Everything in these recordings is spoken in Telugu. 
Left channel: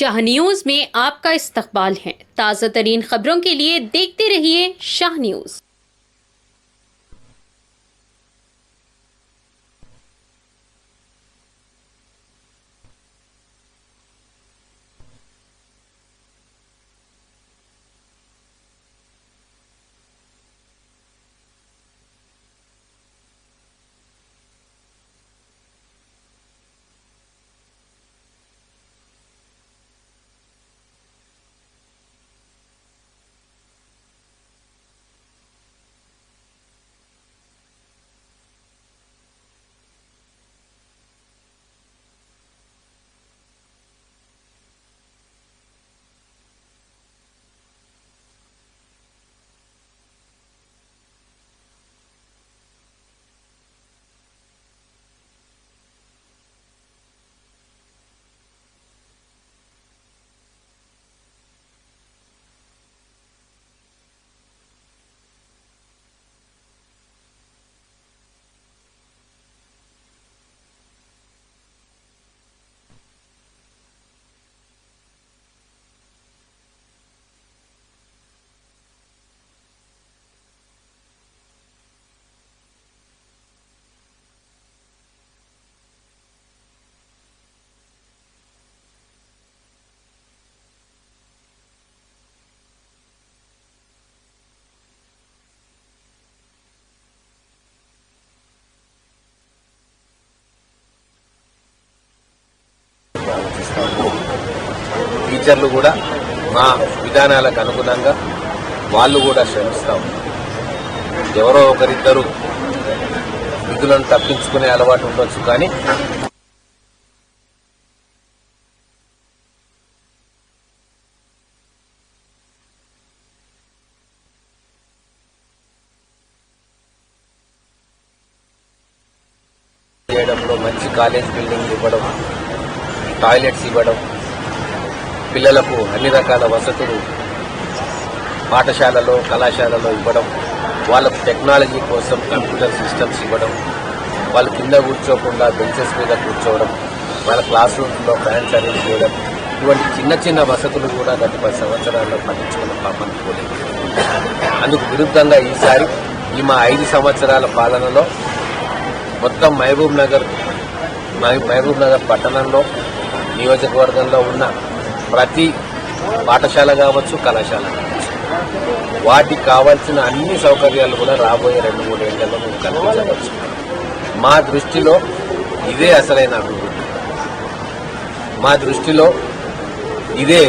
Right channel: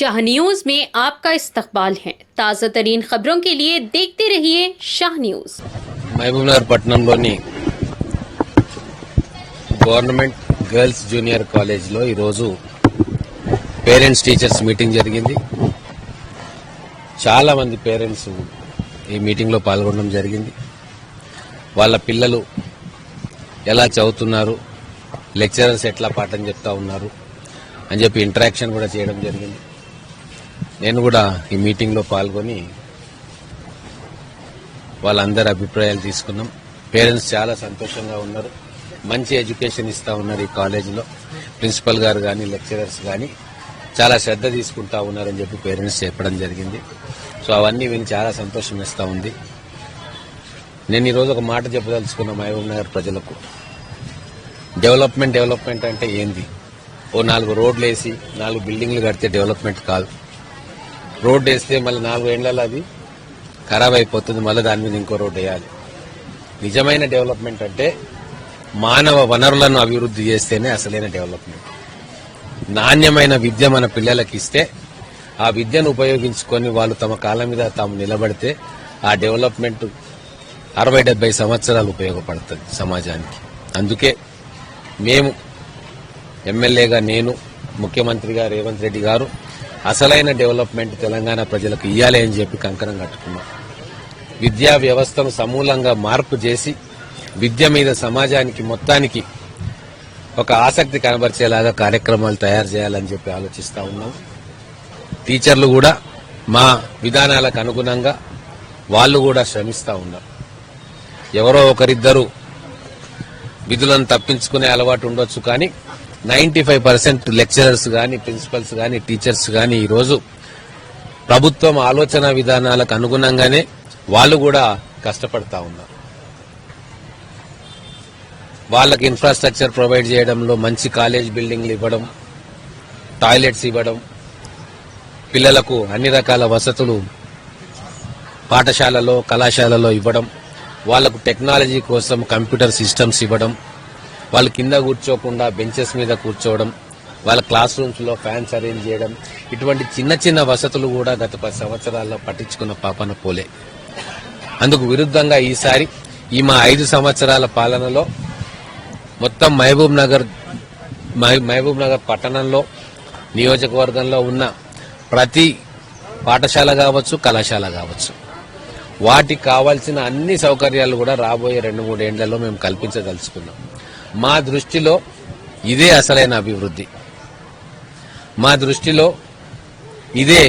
शाह न्यूज में आपका इस्तकबाल है। ताज़ा तरीन खबरों के लिए देखते रहिए शाह न्यूज। మహబూబ్నగర్ పట్టణంలోని గవర్నమెంట్ గర్ల్స్ జూనియర్ కాలేజ్లో ఈరోజు పేరెంట్స్ టీచర్స్ మీటింగ్ జరిగింది. చాలా మంది పేరెంట్స్ ఈ మీటింగ్లో పాల్గొనడం జరిగింది. వాళ్ళ పిల్లలు ఎలా చదువుతున్నారు, లెక్చరర్స్ ఎట్లా పాఠం చెప్తా ఉన్నారు అని చెప్పి ఇంటరాక్షన్ కూడా చేయడం జరిగింది. నేను కూడా ఈ మీటింగ్లో పాల్గొని వాళ్ళందరి అభిప్రాయాలు తీసుకున్నాం. పేరెంట్స్ చాలా సంతోషంగా ఉన్నారు. మంచి ఎడ్యుకేషన్ ఇస్తా ఉన్నారు. ఈ కాలేజీలో ప్రిన్సిపల్ గారు కానీ లెక్చరర్స్ కానీ చాలా శ్రద్ధ తీసుకుంటా ఉన్నారని చెప్పి పేరెంట్స్ చెప్పడం జరిగింది. సో అవన్నీ విని చాలా సంతోషం ఇస్తా ఉంది. నేను ఈరోజు ఒక మాట చెప్పదలుచుకున్న మహబూబ్నగర్ ప్రజలకు. డెవలప్మెంట్ అంటే ఏంది? ఓ 4 రోడ్లు వేసి 4 బిల్డింగ్లు కడితే డెవలప్మెంట్ కాదు. రోడ్డు వేస్తే మళ్ళీ 4 ఏళ్లలో అది ఖరాబ్ అయిపోతుంది. మళ్ళీ దాని మీద ఇంకో రోడ్డు వేయాలి. నిజమైన డెవలప్మెంట్ అంటే మానవ వనరులను అభివృద్ధి చేస్తేనే అసలైన డెవలప్మెంట్. నాణ్యమైన విద్య మన పిల్లలకి ఇస్తే ఆ విద్యను ఉపయోగించుకొని వాళ్ళు తమ కాళ్ళ మీద తాము నిలబడితే ఆ డెవలప్మెంట్ 60-70 సంవత్సరాలు ఉపయోగపడుతుంది సమాజానికి. అందుకే మేము ఎమ్మెల్యేగా, నేను ముఖ్యమంత్రిగా రేవంత్ రెడ్డి గారు అసలైన డెవలప్మెంట్ తెలంగాణ ప్రజలకు ఇవ్వాలి అని చెప్పి కంకణం కట్టుకున్నాం. విద్యా వ్యవస్థను సమూలంగా మార్పు చేసి విద్య మీద సమాజానికి మొత్తానికి ఒక ఆసక్తి కనబరిచేలాగా కార్యక్రమాలు తయారు చేయాలని చెప్పి ఆలోచిస్తా ఉన్నాం. టీచర్లు కూడా మా విధానాలకు అనుగుణంగా వాళ్ళు కూడా శ్రమిస్తా ఉన్నారు. ఎవరో ఒకరిద్దరు విధులను తప్పించుకునే అలవాటు ఉండొచ్చు, కానీ 95% లెక్చరర్స్ కానీ ప్రిన్సిపల్స్ కానీ టీచర్స్ కానీ ఈరోజు ప్రభుత్వం ఆలోచన విధానాలకు అనుగుణంగానే వాళ్ళు కూడా కష్టపడతా ఉన్నారు. వాళ్ళకి ఇన్ఫ్రాస్ట్రక్చర్ ప్రొవైడ్ చేయడంలో మంచి కాలేజ్ బిల్డింగ్లు ఇవ్వడం, టాయిలెట్స్ ఇవ్వడం, పిల్లలకు అన్ని రకాల వసతులు పాఠశాలలో కళాశాలలో ఇవ్వడం, వాళ్ళకు టెక్నాలజీ కోసం కంప్యూటర్ సిస్టమ్స్ ఇవ్వడం, వాళ్ళు కింద కూర్చోకుండా బెంచెస్ మీద కూర్చోవడం, వాళ్ళ క్లాస్ రూమ్స్లో ఫ్యాన్స్ అరేంజ్ చేయడం, ఇటువంటి చిన్న చిన్న వసతులు కూడా గత 10 సంవత్సరాల్లో పట్టించుకున్న పాపన పోలేదు. అందుకు విరుద్ధంగా ఈసారి మా 5 సంవత్సరాల పాలనలో మొత్తం మహబూబ్ నగర్ పట్టణంలో నియోజకవర్గంలో ఉన్న ప్రతి పాఠశాల కావచ్చు, కళాశాల కావచ్చు, వాటికి కావాల్సిన అన్ని సౌకర్యాలు కూడా రాబోయే 2-3 ఏళ్లలో మేము కల్పించదలుచుకున్నాం. మా దృష్టిలో ఇదే అసలైన అభివృద్ధి. మా దృష్టిలో ఇదే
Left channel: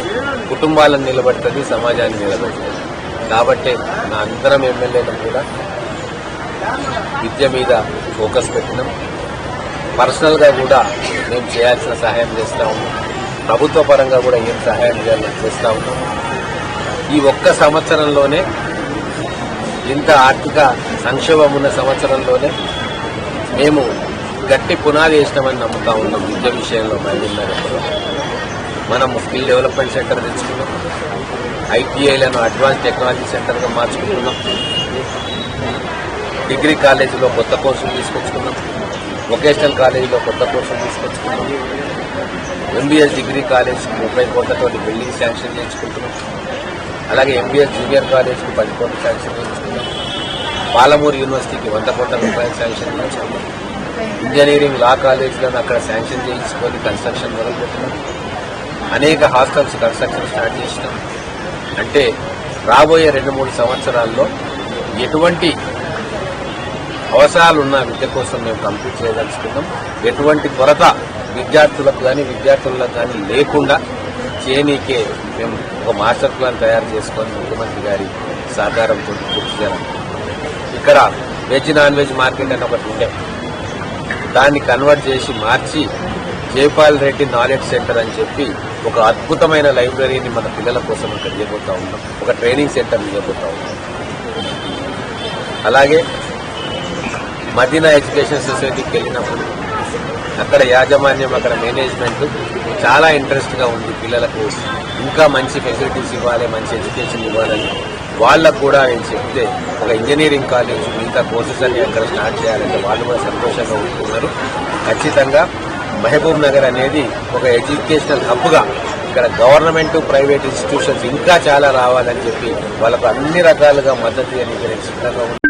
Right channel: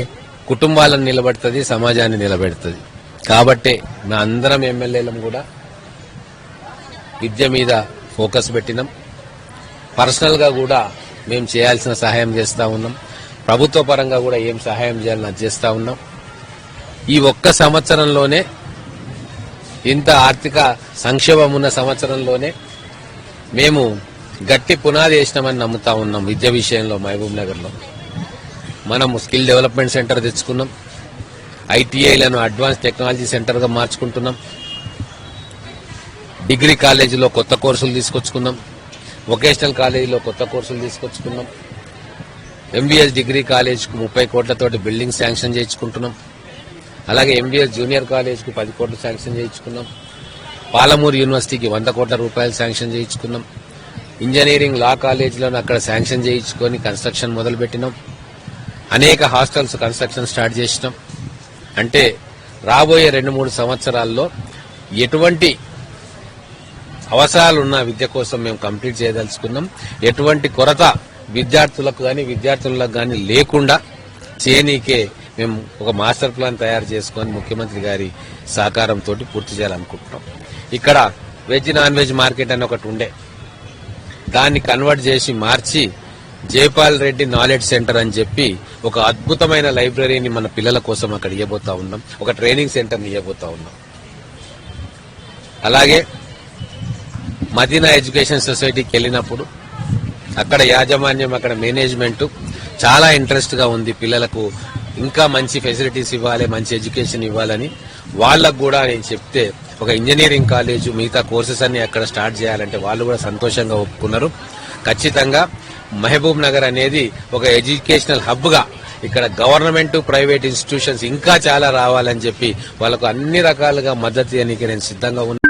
కుటుంబాలను నిలబెడుతుంది, సమాజాన్ని నిలబెడుతుంది. కాబట్టే నా అందరం ఎమ్మెల్యేలను కూడా విద్య మీద ఫోకస్ పెట్టినాం. పర్సనల్గా కూడా మేము చేయాల్సిన సహాయం చేస్తూ ఉన్నాం. ప్రభుత్వ పరంగా కూడా ఏం సహాయం చేయాలని చేస్తూ ఉన్నాం. ఈ ఒక్క సంవత్సరంలోనే, ఇంత ఆర్థిక సంక్షేమం ఉన్న సంవత్సరంలోనే మేము గట్టి పునాది వేసినామని నమ్ముతా ఉన్నాం. విద్య విషయంలో మహబూబ్ నగర్లో మనం స్కిల్ డెవలప్మెంట్ సెంటర్ తెచ్చుకున్నాం. ఐటీఐలను అడ్వాన్స్ టెక్నాలజీ సెంటర్గా మార్చుకుంటున్నాం. డిగ్రీ కాలేజీలో కొత్త కోర్సులు తీసుకొచ్చుకున్నాం. వొకేషనల్ కాలేజీలో కొత్త కోర్సులు తీసుకొచ్చుకున్నాం. ఎంబీఎస్ డిగ్రీ కాలేజ్కు 30 కోట్లతోటి బిల్డింగ్ శాంక్షన్ చేయించుకుంటున్నాం. అలాగే ఎంబీఎస్ జూనియర్ కాలేజ్కు 10 కోట్లు శాంక్షన్ చేయించుకున్నాం. పాలమూరు యూనివర్సిటీకి 100 కోట్ల రూపాయలు శాంక్షన్ చేయించుకున్నాం. ఇంజనీరింగ్ లా కాలేజీలను అక్కడ శాంక్షన్ చేయించుకొని కన్స్ట్రక్షన్ మొదలుపెట్టినాం. అనేక హాస్టల్స్ కన్స్ట్రక్షన్ స్టార్ట్ చేసినాం. అంటే రాబోయే 2-3 సంవత్సరాల్లో ఎటువంటి అవసరాలున్న విద్య కోసం మేము కంప్లీట్ చేయదలుచుకున్నాం. ఎటువంటి కొరత విద్యార్థులకు కానీ లేకుండా చేయనీకే మేము ఒక మాస్టర్ ప్లాన్ తయారు చేసుకొని ముఖ్యమంత్రి గారి సహకారంతో పూర్తి చేయాలనుకుంటున్నాం. ఇక్కడ వెజ్ నాన్ వెజ్ మార్కెట్ అని ఒకటి ఉండే, దాన్ని కన్వర్ట్ చేసి మార్చి జైపాల్ రెడ్డి నాలెడ్జ్ సెంటర్ అని చెప్పి ఒక అద్భుతమైన లైబ్రరీని మన పిల్లల కోసం అక్కడ ఇవ్వబోతా ఉన్నాం. ఒక ట్రైనింగ్ సెంటర్ ఇవ్వబోతా ఉన్నాం. అలాగే మదీనా ఎడ్యుకేషన్ సొసైటీకి వెళ్ళినప్పుడు అక్కడ యాజమాన్యం, అక్కడ మేనేజ్మెంట్ చాలా ఇంట్రెస్ట్గా ఉంది. పిల్లలకు ఇంకా మంచి ఫెసిలిటీస్ ఇవ్వాలి, మంచి ఎడ్యుకేషన్ ఇవ్వాలని వాళ్ళకు కూడా నేను చెప్తే ఒక ఇంజనీరింగ్ కాలేజ్ మిగతా కోర్సెస్ అన్ని అక్కడ స్టార్ట్ చేయాలంటే వాళ్ళు కూడా సంతోషంగా ఉంటున్నారు. ఖచ్చితంగా మహబూబ్ నగర్ అనేది ఒక ఎడ్యుకేషనల్ హబ్గా ఇక్కడ గవర్నమెంట్ ప్రైవేట్ ఇన్స్టిట్యూషన్స్ ఇంకా చాలా రావాలని చెప్పి వాళ్ళకు అన్ని రకాలుగా మద్దతు ఇవ్వడానికి నేను సిద్ధంగా ఉన్నాను.